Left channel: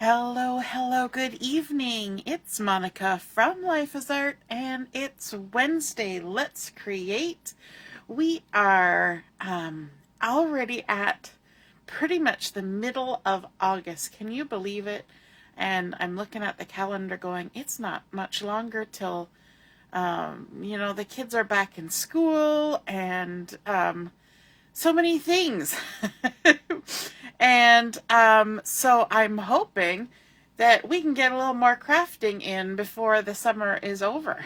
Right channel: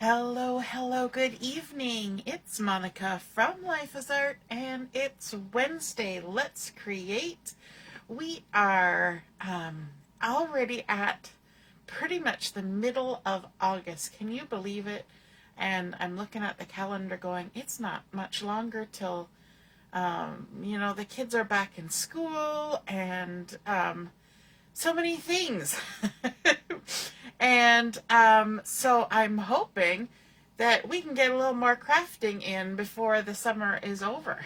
Hello, hello, good evening. It's Monica from Life is Art, and it's Wednesday. Let's create. We are already at pretty much the middle of August. Can you believe it? And I'm looking at the calendar going, it's not much longer till, the kids are back in school and so many things. And so I'm hoping that we can get a little more crafting in before the summer is over.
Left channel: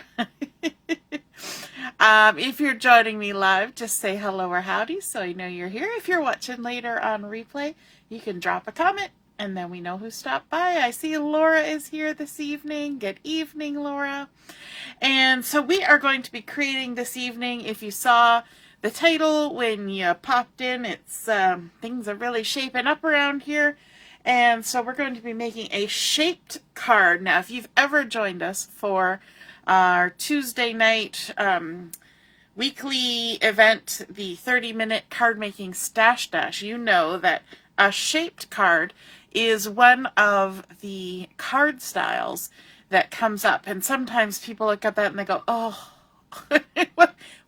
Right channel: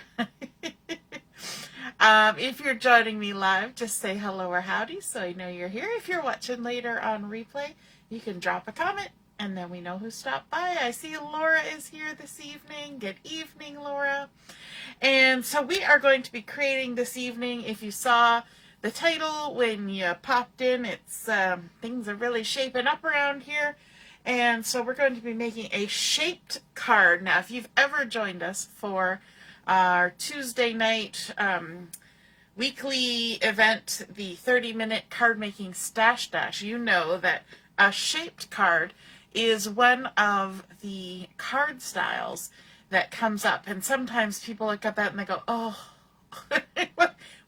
If you're joining me live, just say hello or howdy so I know you're here. If you're watching later on replay, you can drop a comment and then we know who stopped by. I see Laura is here this evening. Good evening, Laura. And so we are going to be creating this evening. If you saw the title when you popped in, it's things are really shaping up around here. And so we're going to be making a shaped card. Now, if you've ever joined us for our Tuesday night weekly event, the 30-minute card making stash dash, you know that a shaped card is one of the card styles that comes up. And sometimes people look at that and they go, oh,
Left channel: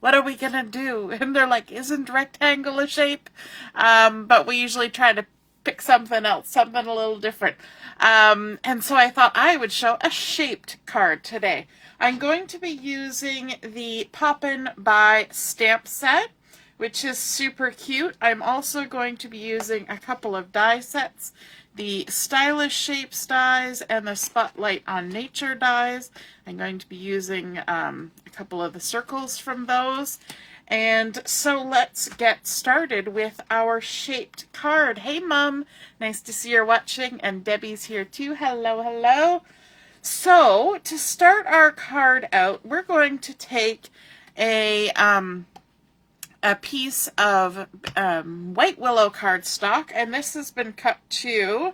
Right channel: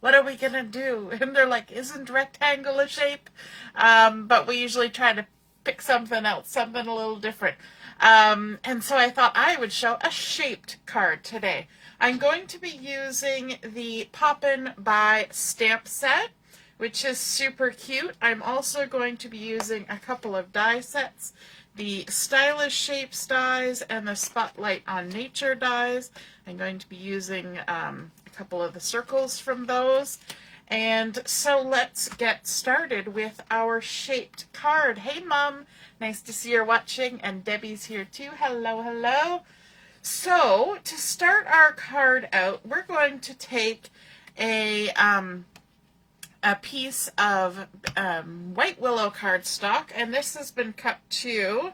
what are we going to do? And they're like, isn't rectangle a shape? But we usually try to pick something else, something a little different. And so I thought I would show a shaped card today. I'm going to be using the Poppin By stamp set, which is super cute. I'm also going to be using a couple of die sets, the Stylish Shapes dies and the Spotlight on Nature dies. I'm going to be using a couple of the circles from those. And so let's get started with our shaped card. Hey, Mom. Nice to see you're watching. And Debbie's here too. Hello, hello. So to start our card out, we're going to take a piece of white willow cardstock, and this has been cut to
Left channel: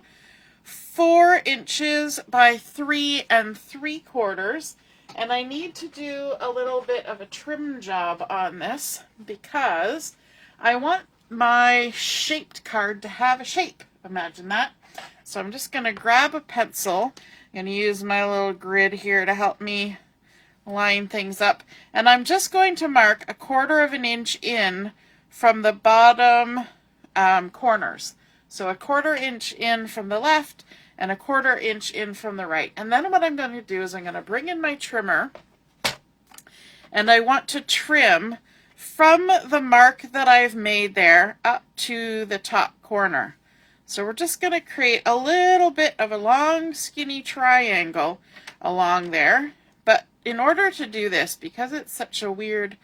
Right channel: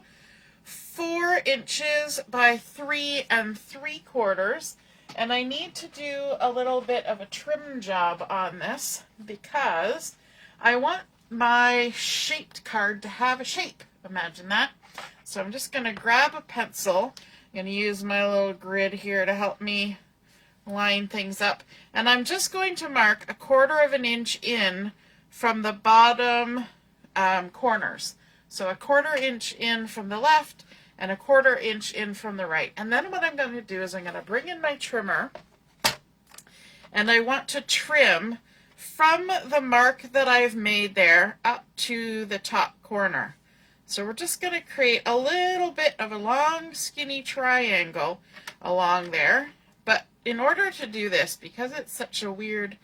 4 inches by 3 3/4. And I need to do a little bit of a trim job on this because I want my shaped card to have a shape. Imagine that. So I'm just going to grab a pencil. I'm going to use my little grid here to help me line things up. And I'm just going to mark 1/4 of an inch in from the bottom corners. So 1/4 inch in from the left and 1/4 inch in from the right. And then what I'm going to do is I'm going to bring in my trimmer, and I want to trim from the mark that I've made there up to the top corner. So we're just going to create a little bit of a long skinny triangle along there. But in order to do this, because it's such a weird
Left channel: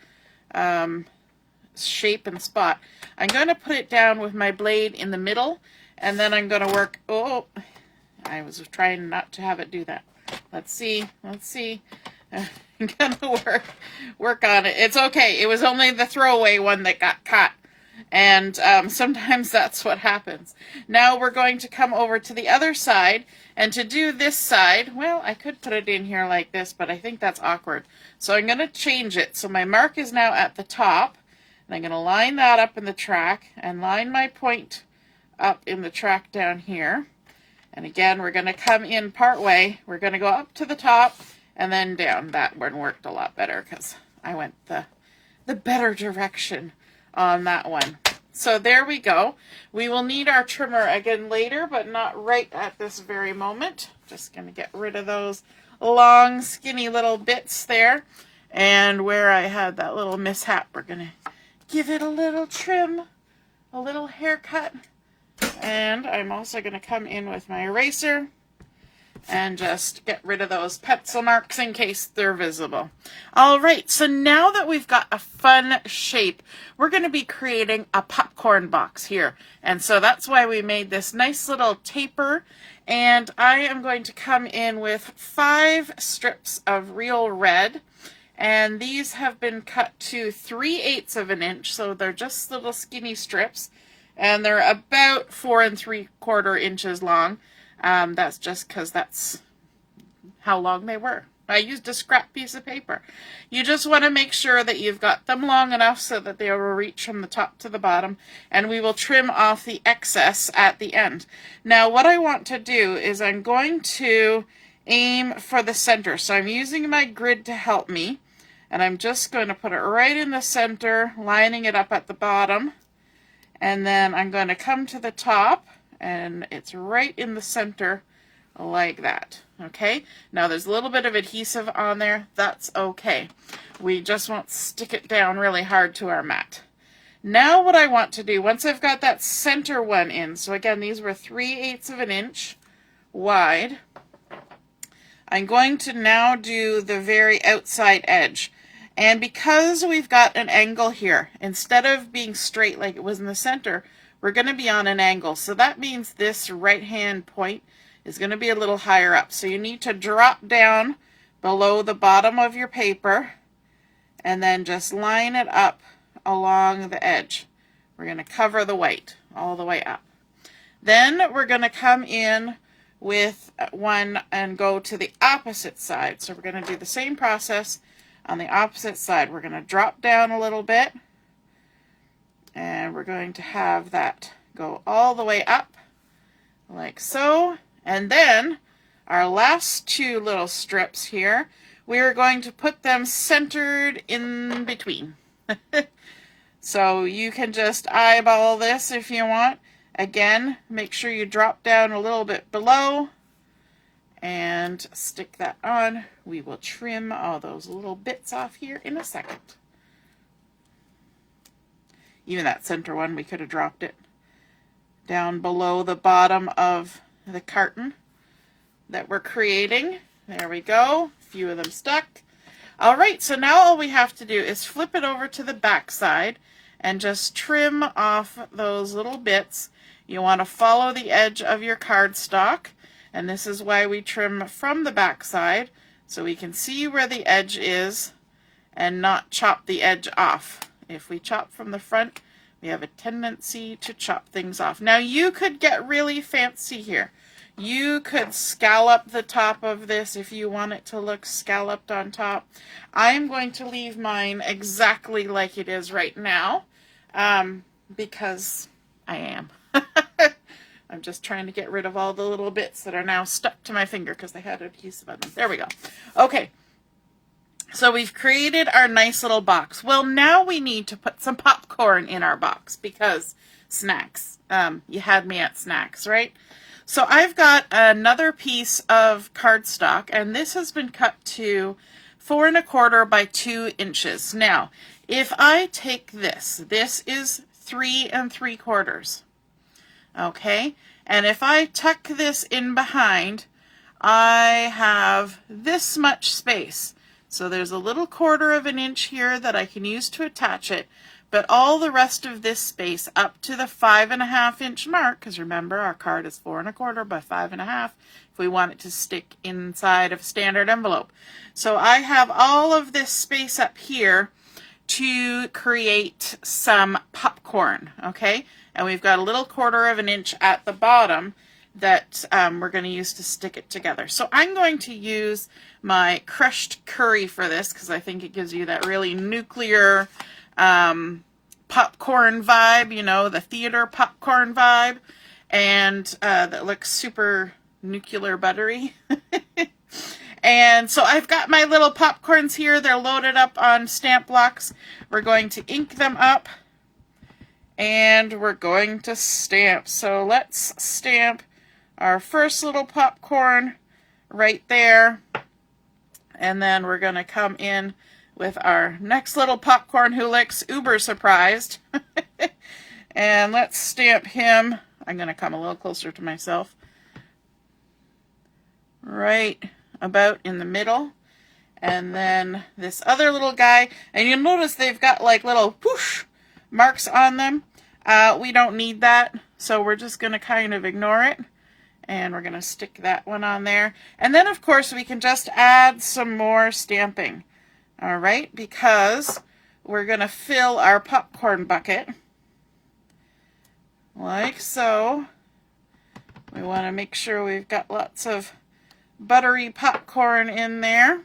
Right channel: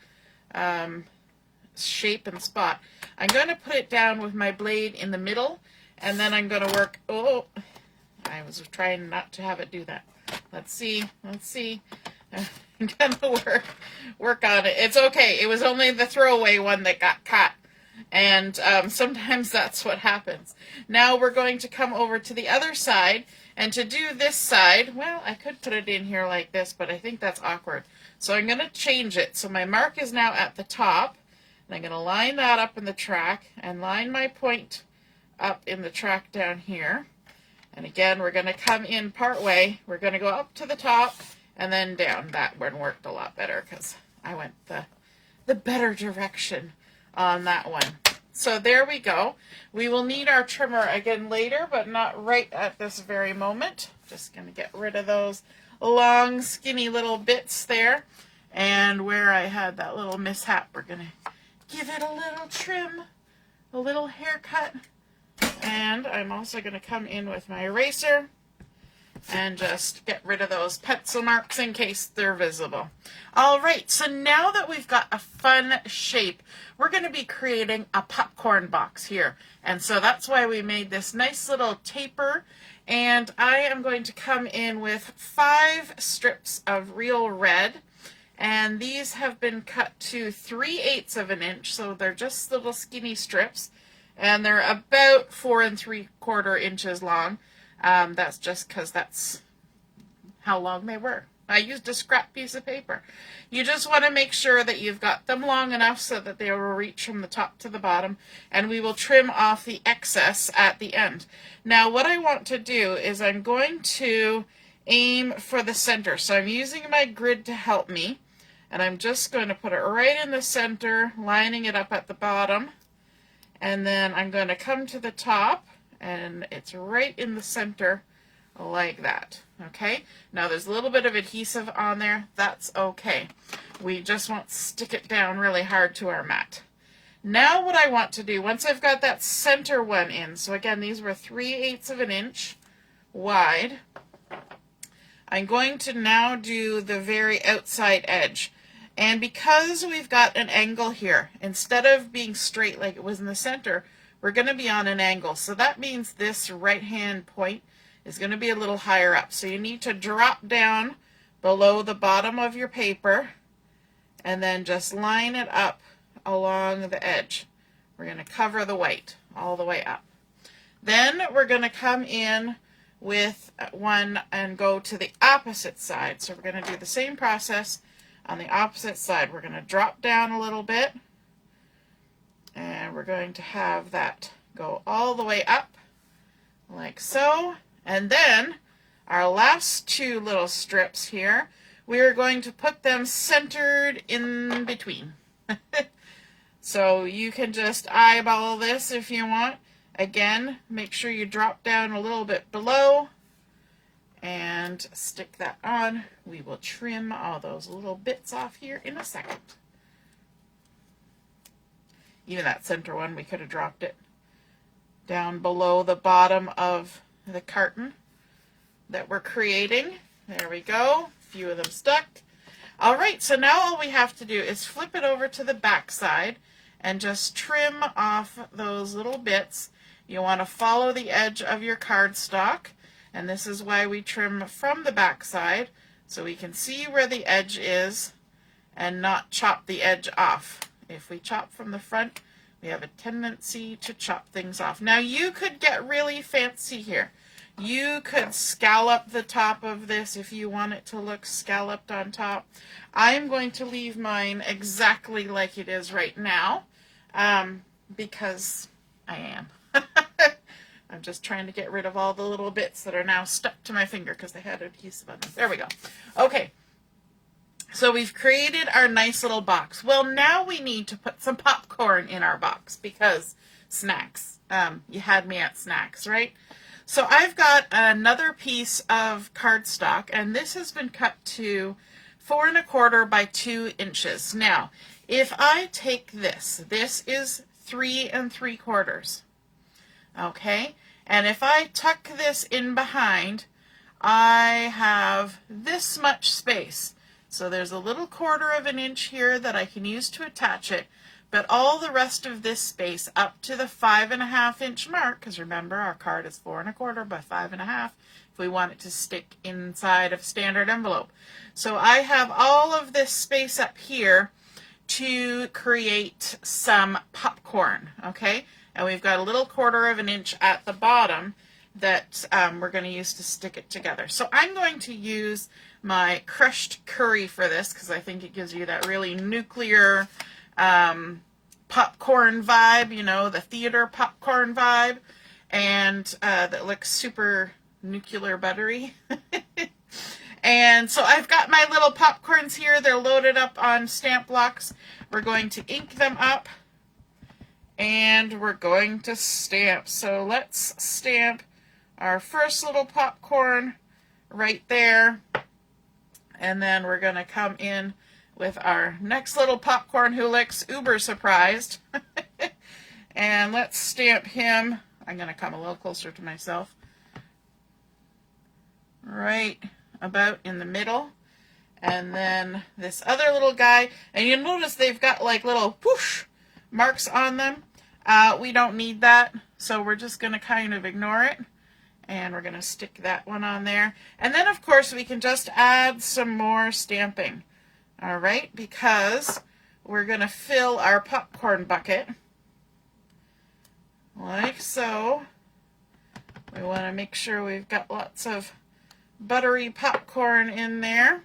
shape and spot, I'm going to put it down with my blade in the middle, and then I'm going to work, I was trying not to have it do that. Let's see. I'm gonna work on it. It's okay. It was only the throwaway one that got caught. And sometimes that's what happens. Now we're going to come over to the other side. And to do this side, well, I could put it in here like this, but I think that's awkward. So I'm going to change it. So my mark is now at the top. And I'm going to line that up in the track and line my point up in the track down here. And again, we're going to come in part way. We're going to go up to the top and then down. That one worked a lot better because I went the better direction on that one. So there we go. We will need our trimmer again later, but not right at this very moment. Just going to get rid of those long, skinny little bits there. And where I had that little mishap, we're going to give it a little trim, a little haircut. And I'm also going to come in with my eraser and just get rid of those pencil marks in case they're visible. All right, so now that we've got a fun shape, we're going to be creating a popcorn box here. And so that's why we made this nice little taper. And I am going to come in with 5 strips of real red. And these have been cut to 3/8 of an inch, so they're just little skinny strips. And they're about 4 3/4 inches long. That's just because that's how long they were. I used a scrap piece of paper. You just want to make sure that you've got them long enough so that they will reach from the top to the bottom, and we will trim off the excess at the end. Now what I want to do is I'm going to aim for the center. So I'm using my grid to help me, and I'm just going to put it right in the center, lining it up at the bottom, and then I'm going to come to the top, and it's right in the center like that. Okay, now there's a little bit of adhesive on there. That's okay. We just won't stick it down really hard to our mat. Now what I want to do, once I've got that center one in, so again these were 3/8 of an inch wide, I'm going to now do the very outside edge. And because we've got an angle here, instead of being straight like it was in the center, we're going to be on an angle. So that means this right hand point is going to be a little higher up. So you need to drop down below the bottom of your paper and then just line it up along the edge. We're going to cover the white all the way up. Then we're going to come in with one and go to the opposite side. So we're going to do the same process on the opposite side. We're going to drop down a little bit, and we're going to have that go all the way up like so. And then our last two little strips here, we are going to put them centered in between. So you can just eyeball this if you want. Again, make sure you drop down a little bit below and stick that on. We will trim all those little bits off here in a second. Even that center one, we could have dropped it down below the bottom of the carton that we're creating. There we go. A few of them stuck. All right, so now all we have to do is flip it over to the back side and just trim off those little bits. You want to follow the edge of your cardstock, and this is why we trim from the back side, so we can see where the edge is and not chop the edge off. If we chop from the front, we have a tendency to chop things off. Now you could get really fancy here. You could scallop the top of this if you want it to look scalloped on top. I'm going to leave mine exactly like it is right now, because I am. I'm just trying to get rid of all the little bits that are now stuck to my finger because they had adhesive on them. There we go. Okay, so we've created our nice little box. Well, now we need to put some popcorn in our box because snacks. You had me at snacks, right? So I've got another piece of cardstock, and this has been cut to 4 1/4 by 2 inches. Now, if I take this is 3 3/4. Okay, and if I tuck this in behind, I have this much space. So there's a little 1/4 of an inch here that I can use to attach it, but all the rest of this space up to the 5 1/2 inch mark, because remember our card is 4 1/4 by 5 1/2 if we want it to stick inside of standard envelope. So I have all of this space up here to create some popcorn, okay? And we've got a little 1/4 of an inch at the bottom that we're going to use to stick it together. So I'm going to use my crushed curry for this because I think it gives you that really nuclear popcorn vibe, you know, the theater popcorn vibe, and that looks super nuclear buttery. And so I've got my little popcorns here. They're loaded up on stamp blocks. We're going to ink them up, and we're going to stamp. So let's stamp our first little popcorn right there, and then we're going to come in with our next little popcorn who looks uber surprised. And let's stamp him. I'm going to come a little closer to myself. Right about in the middle. And then this other little guy, and you'll notice they've got like little whoosh marks on them. We don't need that, so we're just going to kind of ignore it. And we're going to stick that one on there. And then, of course, we can just add some more stamping. All right, because we're going to fill our popcorn bucket like so. We want to make sure we've got lots of buttery popcorn in there.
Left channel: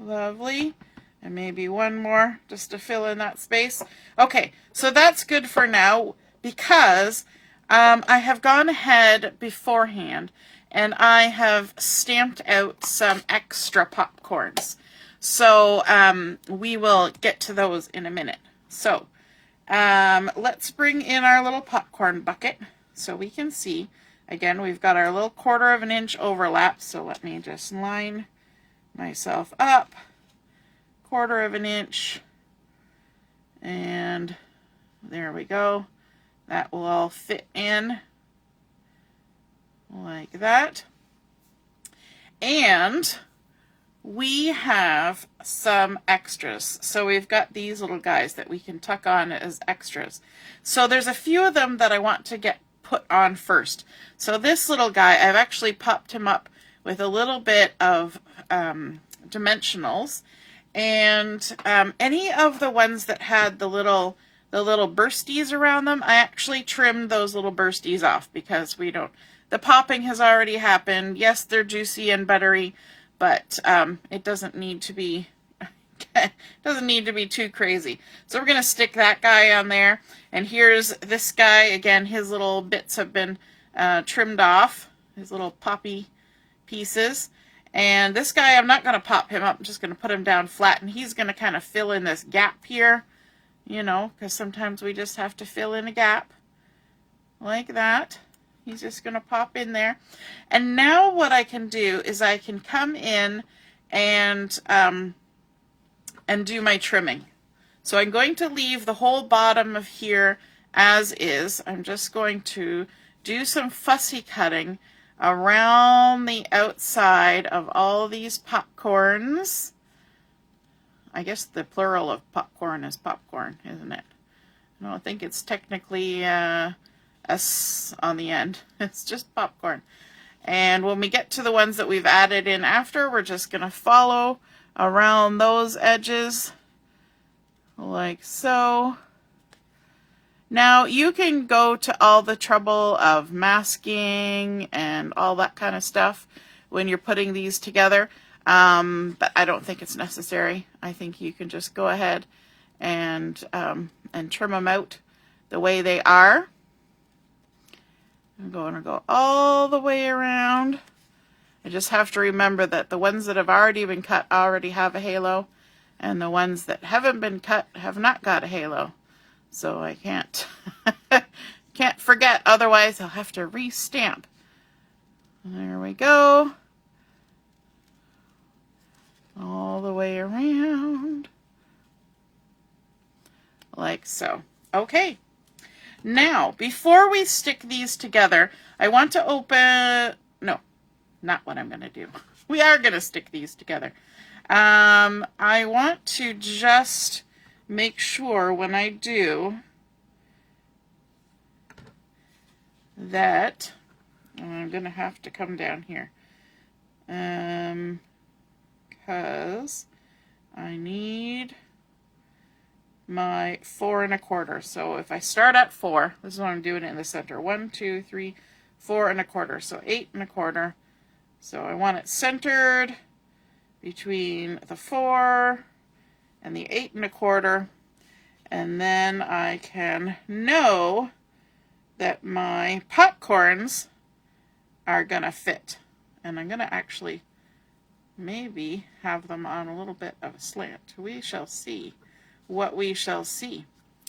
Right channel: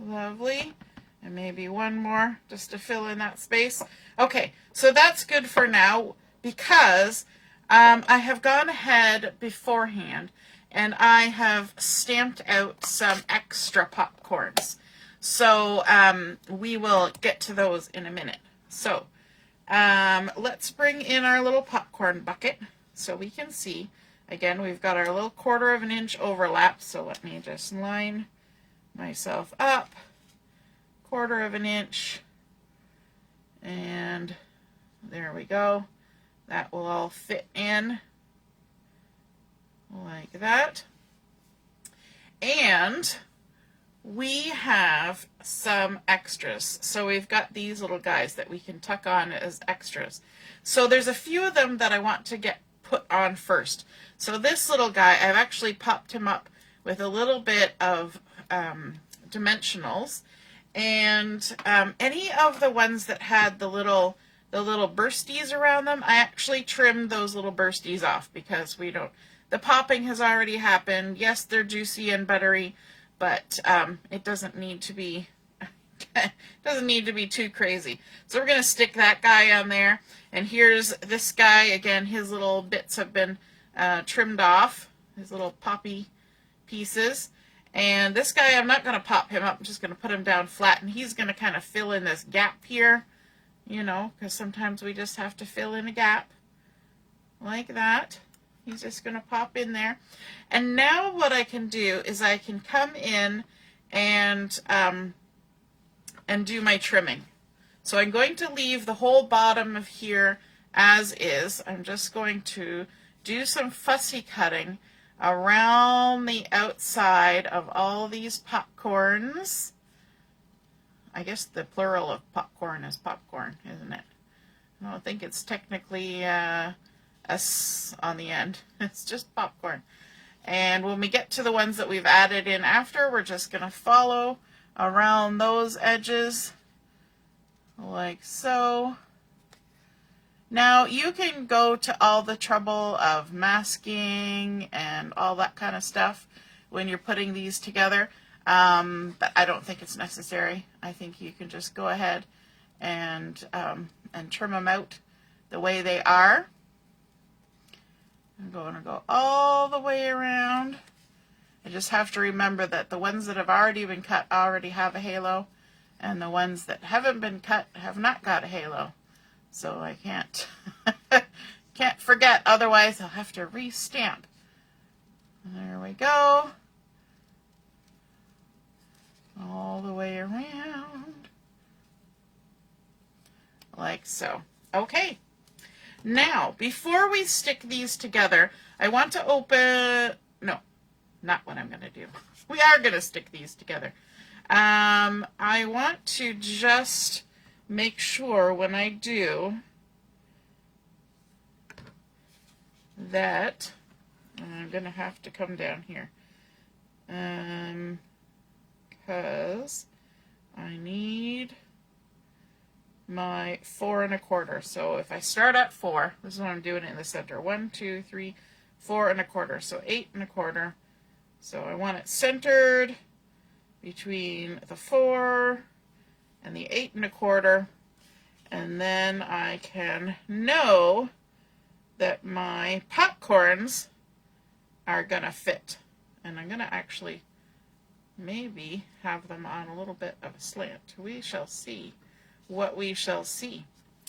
Lovely. And maybe one more just to fill in that space. Okay, so that's good for now because I have gone ahead beforehand and I have stamped out some extra popcorns. So we will get to those in a minute. So let's bring in our little popcorn bucket so we can see. Again, we've got our little 1/4 of an inch overlap. So let me just line myself up. 1/4 of an inch. And there we go. That will all fit in like that. And we have some extras. So we've got these little guys that we can tuck on as extras. So there's a few of them that I want to get put on first. So this little guy, I've actually popped him up with a little bit of Dimensionals. And any of the ones that had the little bursties around them, I actually trimmed those little bursties off because we don't, the popping has already happened. Yes, they're juicy and buttery, but it doesn't need to be too crazy. So we're going to stick that guy on there. And here's this guy. Again, his little bits have been trimmed off, his little poppy pieces. And this guy, I'm not going to pop him up. I'm just going to put him down flat, and he's going to kind of fill in this gap here, you know, because sometimes we just have to fill in a gap like that. He's just going to pop in there. And now what I can do is I can come in and do my trimming. So I'm going to leave the whole bottom of here as is. I'm just going to do some fussy cutting around the outside of all these popcorns. I guess the plural of popcorn is popcorn, isn't it? I don't think it's technically S on the end. It's just popcorn. And when we get to the ones that we've added in after, we're just going to follow around those edges like so. Now, you can go to all the trouble of masking and all that kind of stuff when you're putting these together, but I don't think it's necessary. I think you can just go ahead and trim them out the way they are. I'm going to go all the way around. I just have to remember that the ones that have already been cut already have a halo, and the ones that haven't been cut have not got a halo. So I can't forget, otherwise I'll have to re-stamp. There we go. All the way around. Like so. Okay. Now, before we stick these together, I want to open, no, not what I'm going to do. We are going to stick these together. I want to just make sure when I do that, I'm going to have to come down here because I need my 4 1/4. So if I start at 4, this is what I'm doing it in the center. 1, 2, 3, 4 1/4. So 8 1/4. So I want it centered between the 4 and the 8 1/4, and then I can know that my popcorns are gonna fit. And I'm gonna actually maybe have them on a little bit of a slant. We shall see what we shall see.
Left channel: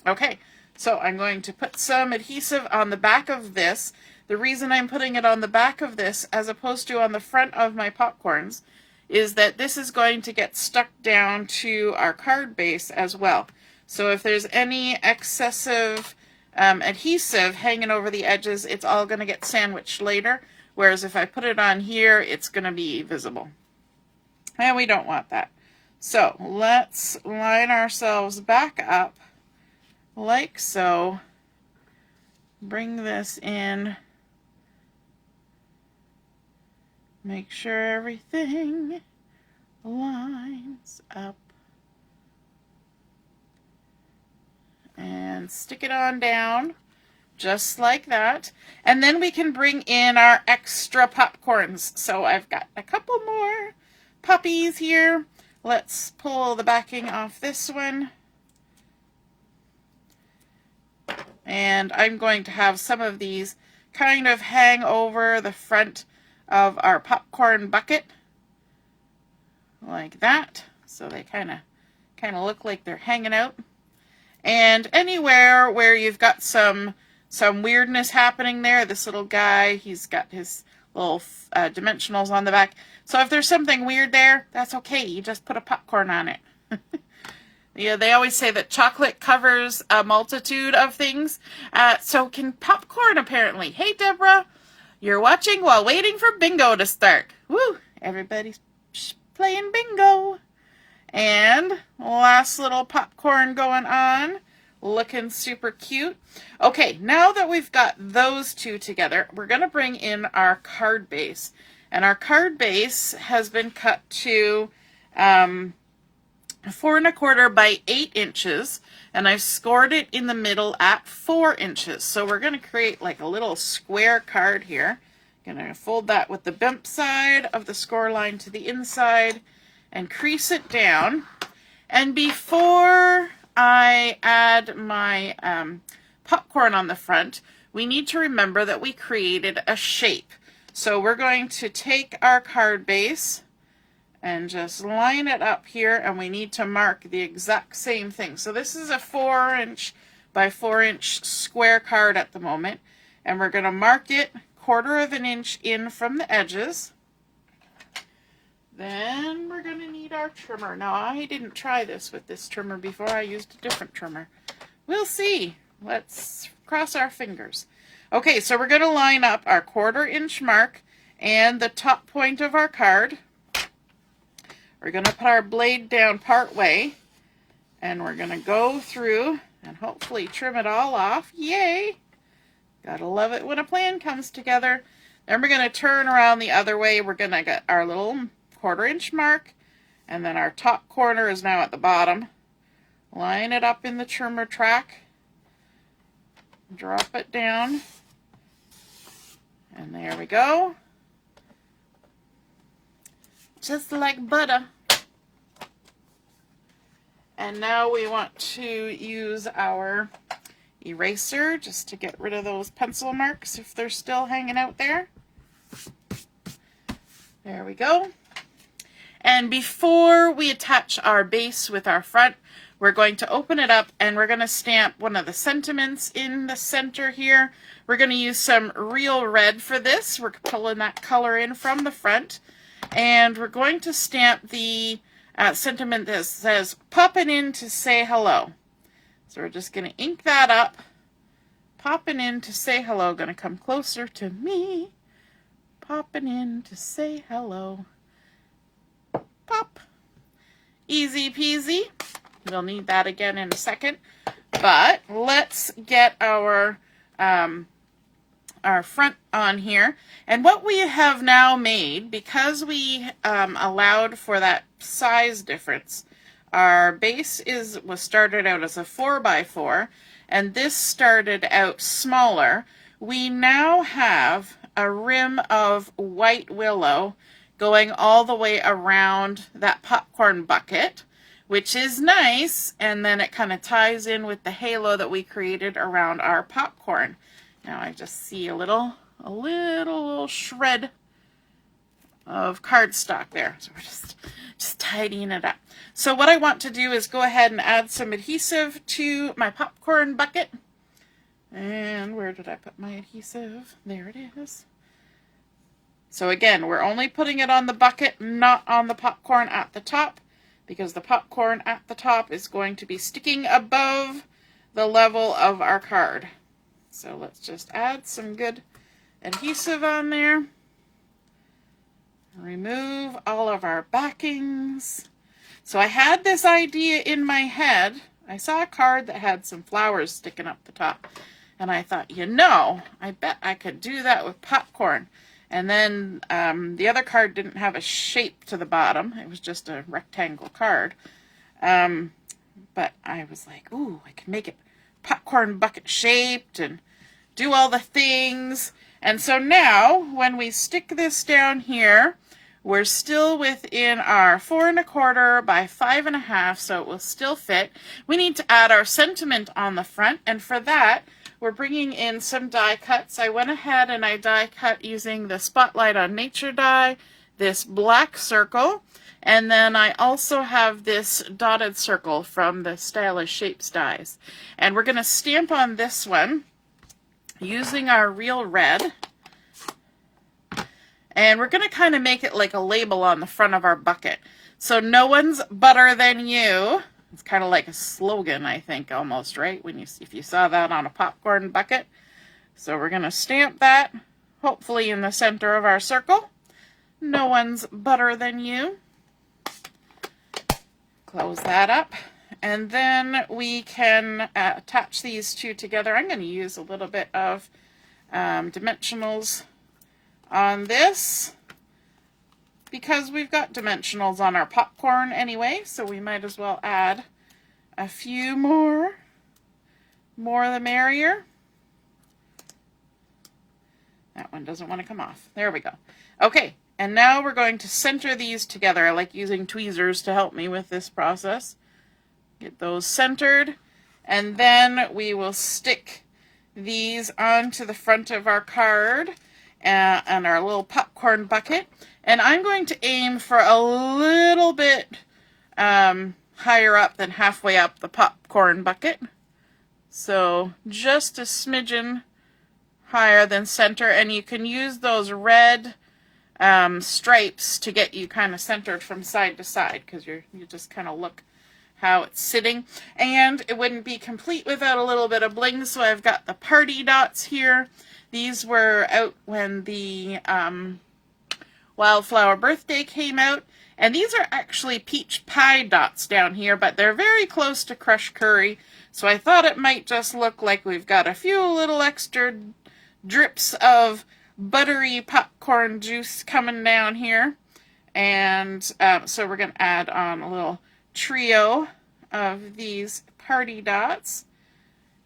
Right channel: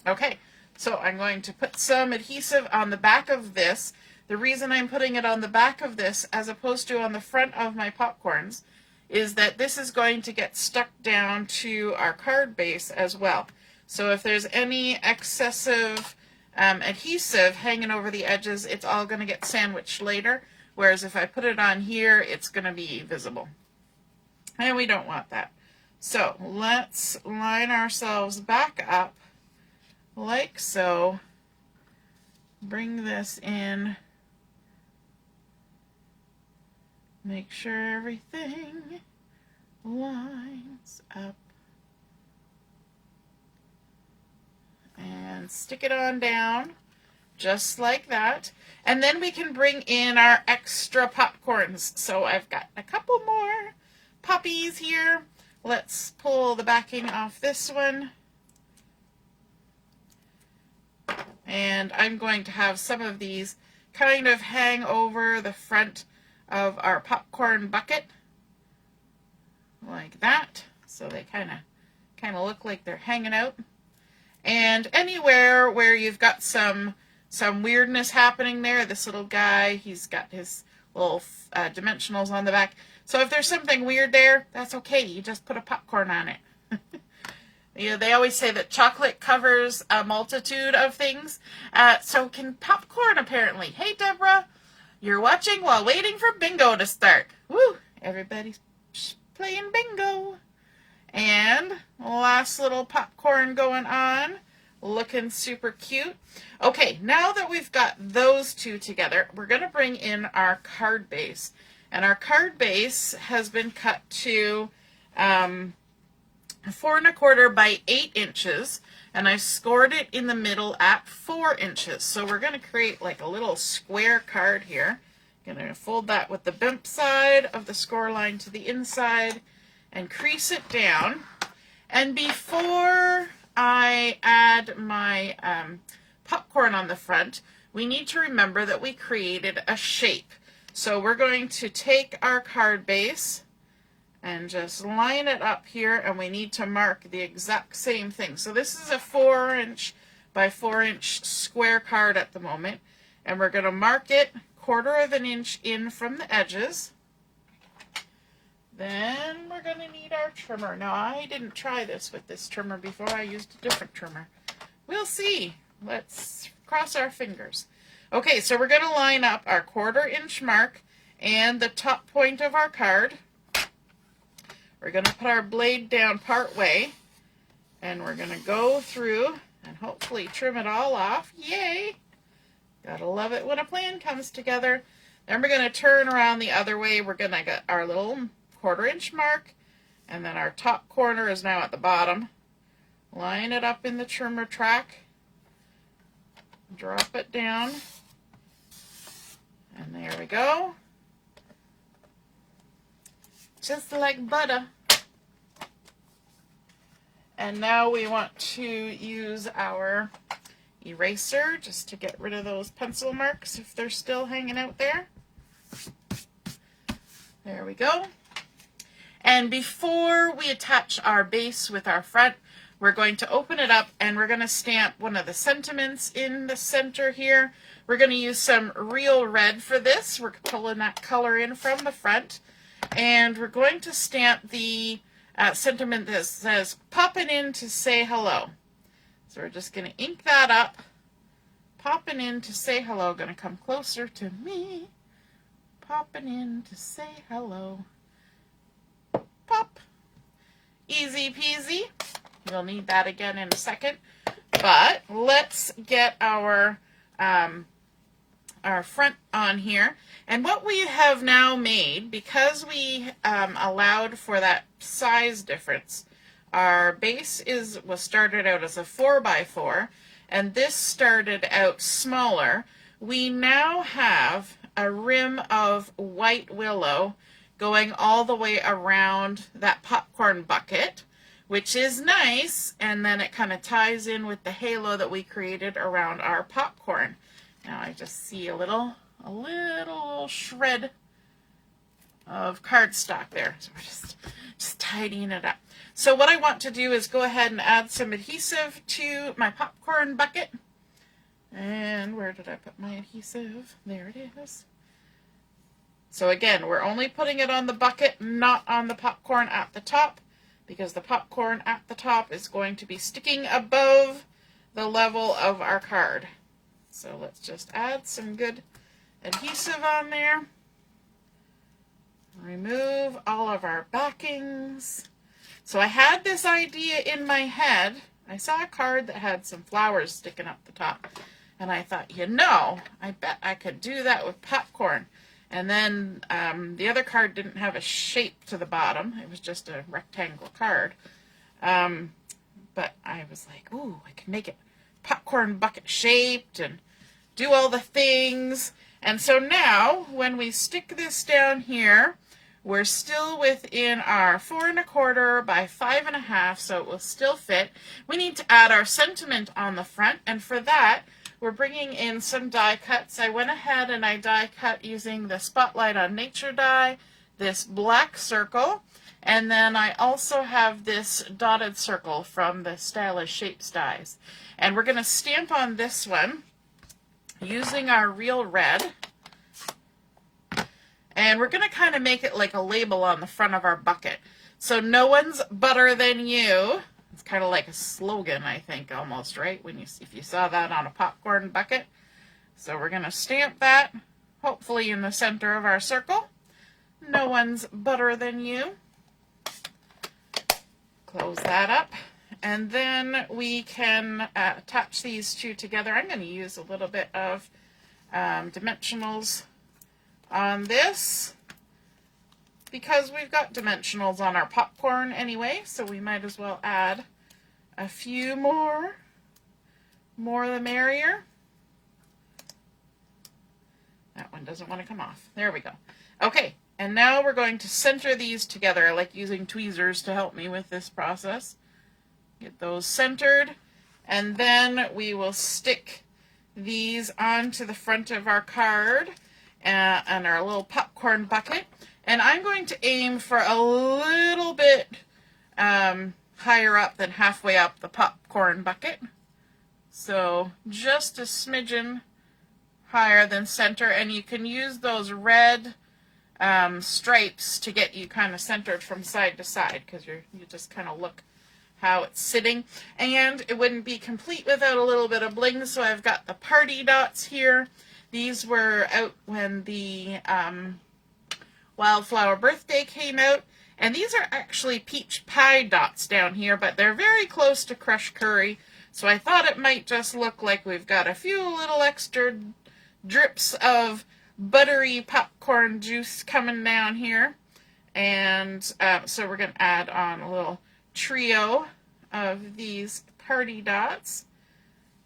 Okay, so I'm going to put some adhesive on the back of this. The reason I'm putting it on the back of this as opposed to on the front of my popcorns is that this is going to get stuck down to our card base as well. So if there's any excessive adhesive hanging over the edges, it's all going to get sandwiched later, whereas if I put it on here, it's going to be visible. And we don't want that. So let's line ourselves back up like so. Bring this in. Make sure everything lines up. And stick it on down, just like that. And then we can bring in our extra popcorns. So I've got a couple more puppies here. let's pull the backing off this one. And I'm going to have some of these kind of hang over the front of our popcorn bucket like that, so they kind of look like they're hanging out. And anywhere where you've got some weirdness happening there, this little guy, he's got his little dimensionals on the back. So if there's something weird there, that's okay. You just put a popcorn on it. Yeah, they always say that chocolate covers a multitude of things. So can popcorn, apparently. Hey, Deborah, you're watching while waiting for bingo to start. Woo! Everybody's playing bingo. And last little popcorn going on. Looking super cute. Okay, now that we've got those two together, we're going to bring in our card base. And our card base has been cut to 4 1/4 by 8 inches, and I've scored it in the middle at 4 inches. So we're going to create like a little square card here. Going to fold that with the bump side of the score line to the inside and crease it down. And before I add my popcorn on the front, we need to remember that we created a shape. So we're going to take our card base and just line it up here, and we need to mark the exact same thing. So this is a 4 inch by 4 inch square card at the moment, and we're going to mark it 1/4 of an inch in from the edges. Then we're going to need our trimmer. Now, I didn't try this with this trimmer before. I used a different trimmer. We'll see. Let's cross our fingers. Okay, so we're going to line up our 1/4 inch mark and the top point of our card. We're going to put our blade down part way, and we're going to go through and hopefully trim it all off. Yay! Gotta love it when a plan comes together. Then we're going to turn around the other way. We're going to get our little 1/4 inch mark, and then our top corner is now at the bottom. Line it up in the trimmer track. Drop it down. And there we go. Just like butter. And now we want to use our eraser just to get rid of those pencil marks if they're still hanging out there. There we go. And before we attach our base with our front, we're going to open it up and we're going to stamp one of the sentiments in the center here. We're going to use some real red for this. We're pulling that color in from the front. And we're going to stamp the sentiment that says, "Poppin' in to say hello." So we're just going to ink that up. Poppin' in to say hello. Going to come closer to me. Poppin' in to say hello. Pop. Easy peasy. We'll need that again in a second. But let's get our front on here. And what we have now made, because we allowed for that size difference, our base was started out as a 4x4, and this started out smaller. We now have a rim of white willow going all the way around that popcorn bucket, which is nice, and then it kind of ties in with the halo that we created around our popcorn. Now I just see a little shred of cardstock there. So we're just tidying it up. So what I want to do is go ahead and add some adhesive to my popcorn bucket. And where did I put my adhesive? There it is. So again, we're only putting it on the bucket, not on the popcorn at the top, because the popcorn at the top is going to be sticking above the level of our card. So let's just add some good adhesive on there. Remove all of our backings. So I had this idea in my head. I saw a card that had some flowers sticking up the top. And I thought, I bet I could do that with popcorn. And then the other card didn't have a shape to the bottom. It was just a rectangle card. But I was like, ooh, I can make it popcorn bucket shaped and do all the things. And so now when we stick this down here, we're still within our 4 1/4 by 5 1/2, so it will still fit. We need to add our sentiment on the front, and for that, we're bringing in some die cuts. I went ahead and I die cut using the Spotlight on Nature die, this black circle, and then I also have this dotted circle from the Stylish Shapes dies. And we're going to stamp on this one using our real red. And we're going to kind of make it like a label on the front of our bucket. So no one's butter than you. It's kind of like a slogan, I think, almost, right? If you saw that on a popcorn bucket. So we're going to stamp that, hopefully in the center of our circle. No one's butter than you. Close that up. And then we can attach these two together. I'm going to use a little bit of Dimensionals on this, because we've got Dimensionals on our popcorn anyway, so we might as well add a few more. More the merrier. That one doesn't want to come off. There we go. Okay, and now we're going to center these together. I like using tweezers to help me with this process. Get those centered, and then we will stick these onto the front of our card and our little popcorn bucket. And I'm going to aim for a little bit higher up than halfway up the popcorn bucket. So just a smidgen higher than center. And you can use those red stripes to get you kind of centered from side to side, because you just kind of look how it's sitting. And it wouldn't be complete without a little bit of bling, so I've got the party dots here. These were out when the Wildflower Birthday came out, and these are actually peach pie dots down here, but they're very close to crushed curry, so I thought it might just look like we've got a few little extra drips of buttery popcorn juice coming down here. And so we're going to add on a little trio of these party dots,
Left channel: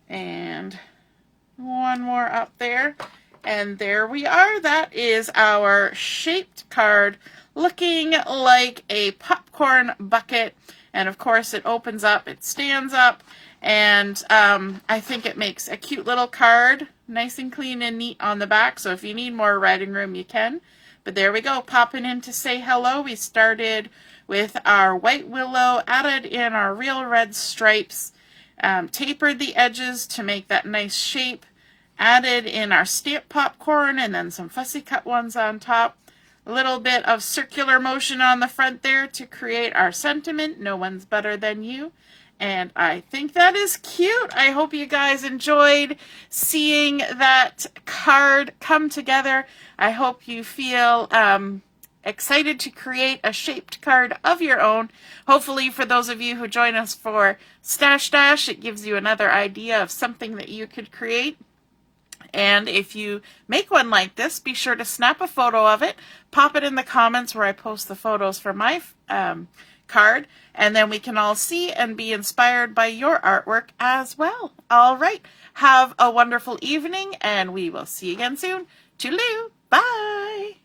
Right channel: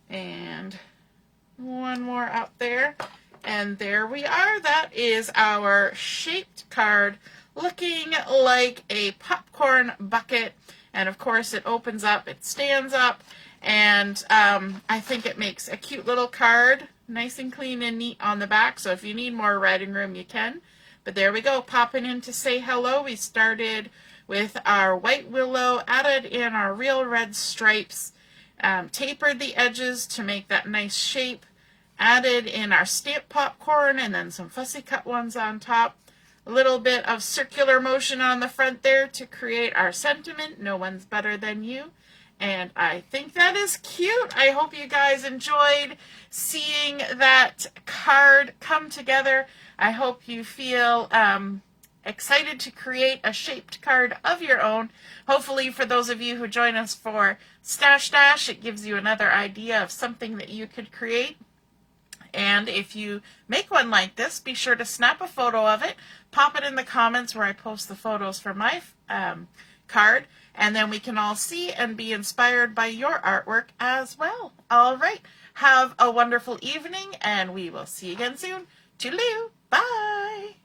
and one more up there, and there we are. That is our shaped card, looking like a popcorn bucket. And of course it opens up, it stands up, and I think it makes a cute little card, nice and clean and neat on the back. So if you need more writing room, you can. But there we go, popping in to say hello. We started with our white willow, added in our real red stripes, tapered the edges to make that nice shape, added in our stamp popcorn, and then some fussy cut ones on top. A little bit of circular motion on the front there to create our sentiment, no one's better than you. And I think that is cute. I hope you guys enjoyed seeing that card come together. I hope you feel excited to create a shaped card of your own. Hopefully for those of you who join us for Stash Dash, it gives you another idea of something that you could create. And if you make one like this, be sure to snap a photo of it, pop it in the comments where I post the photos for my card, and then we can all see and be inspired by your artwork as well. All right, have a wonderful evening, and we will see you again soon. Toodaloo, bye!